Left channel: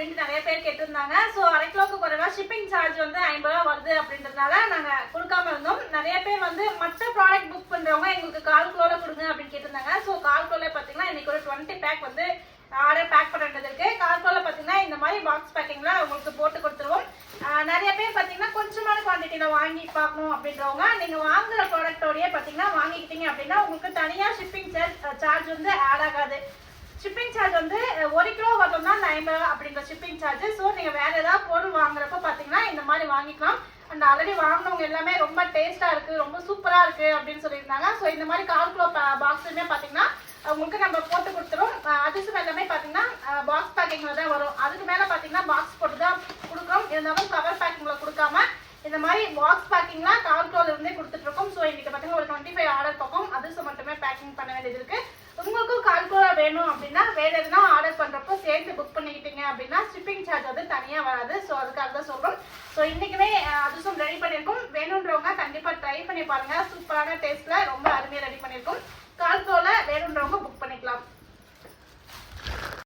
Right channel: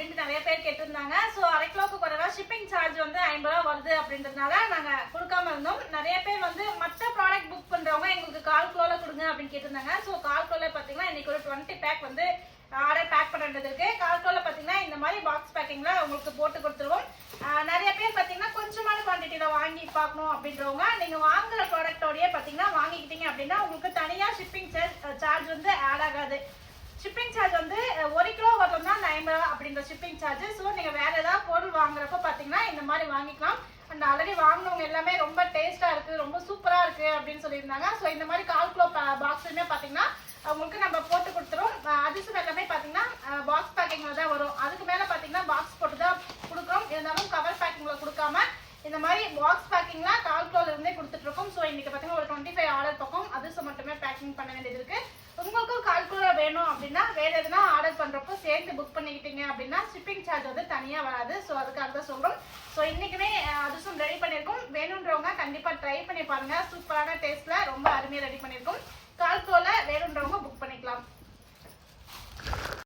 அப்படின்ட்டு நிறைய பேர் கேட்டிருந்தாங்க. ஸோ அரை கிலோவுக்கு குறைவா ஷிப்பிங் சார்ஜ் வந்து 50 ரூபா வருது அப்படின்றதுனால நாங்கள் கொடுக்காம இருந்தோம். நிறைய பேர் வந்து மற்ற ப்ராடக்ட் புக் பண்ணுறவங்க எங்களுக்கு 1/4 கிலோல கொடுங்க அப்படின்னு கேட்டிருந்தாங்க. ஸோ 1/4 கிலோல பார்த்தீங்கன்னா இன்னைக்கு ஒரு 20 பேக் வந்து ஆர்டர் பேக் பண்ணுறது இருக்கு. 1/4 கிலோல பார்த்தீங்கன்னா இந்த மாதிரி பாக்ஸ் பேக்கிங்ல உங்களுக்கு போட்டு கொடுத்துருவோம். நிறைய பேர் பார்த்தீங்கன்னா கொஞ்சமான குவான்டிட்டியில வாங்கி பார்க்கணும் அப்படின்றவங்க நீங்க வாங்குற ப்ராடக்டோடய பார்த்தீங்கன்னா வாங்கிக்கிட்டீங்க அப்படின்னா உங்களுக்கு தனியாக ஷிப்பிங் சார்ஜ் வந்து ஆட் ஆகாது. ஷிப்பிங் சார்ஜ் வந்து 1 கிலோ வரணும்னா 50 ரூபா அப்படின்ற ஷிப்பிங் சார்ஜ். ஸோ நீங்க வேற ஏதாவது பொருள் வாங்குறப்ப பார்த்தீங்கன்னா இந்த மாதிரி வாங்கிக்கலாம். அண்ட் ஆல்ரெடி வாங்கினவங்க எல்லாமே ரொம்ப டேஸ்டா இருக்கு, ரொம்ப சூப்பரா இருக்கு அப்படின்னு சொல்லியிருந்தாங்க. ஸோ இந்த மாதிரி 1/4 கிலோ பாக்ஸுமே பார்த்தீங்கன்னா உங்களுக்கு நம்ம போட்டு கொடுத்துரும். அதிர்ஷ்டம் எல்லாமே பார்த்தீங்கன்னா பாக்ஸ் பேக்கிங்ல தான் வரும். அதுக்கு மேல பார்த்தீங்கன்னா பாக்ஸ் போட்டு தான் கொடுக்குறோம். இருந்தாலும் கவர் பேக்கிங்ல கொடுக்காம இந்த மாதிரி பாக்ஸ் பேக்கிங்ல 1/4 கிலோல இருந்தே கொடுத்துட்டு இருக்கோம். ஸோ இன்னைக்கு பார்த்தீங்கன்னா ஒரு 25 ஆர்டர் பக்கம் அதிர்ஷ்டம் மட்டுமே பேக்கிங் பண்ண வேண்டியது இருக்கு. உங்களுக்கும் 1/4 கிலோ வேணும் அப்படின்னா வேற எதுனா ஆர்டர் பண்றப்போ சேர்த்து புக் பண்ணிக்கிட்டீங்க அப்படின்னா ஷிப்பிங் சார்ஜ் வந்து தனியா வராது. ஸோ அதுக்காக தான் சொல்றோம். ஸோ இன்னைக்குமே அதிர்ஷ்டம் ரெடி பண்ணியிருக்கோம். வேணுன்றவங்க கண்டிப்பா ட்ரை பண்ணி பாருங்க. சூப்பரான டேஸ்ட்ல ரொம்ப அருமையா ரெடி பண்ணியிருக்கோம்.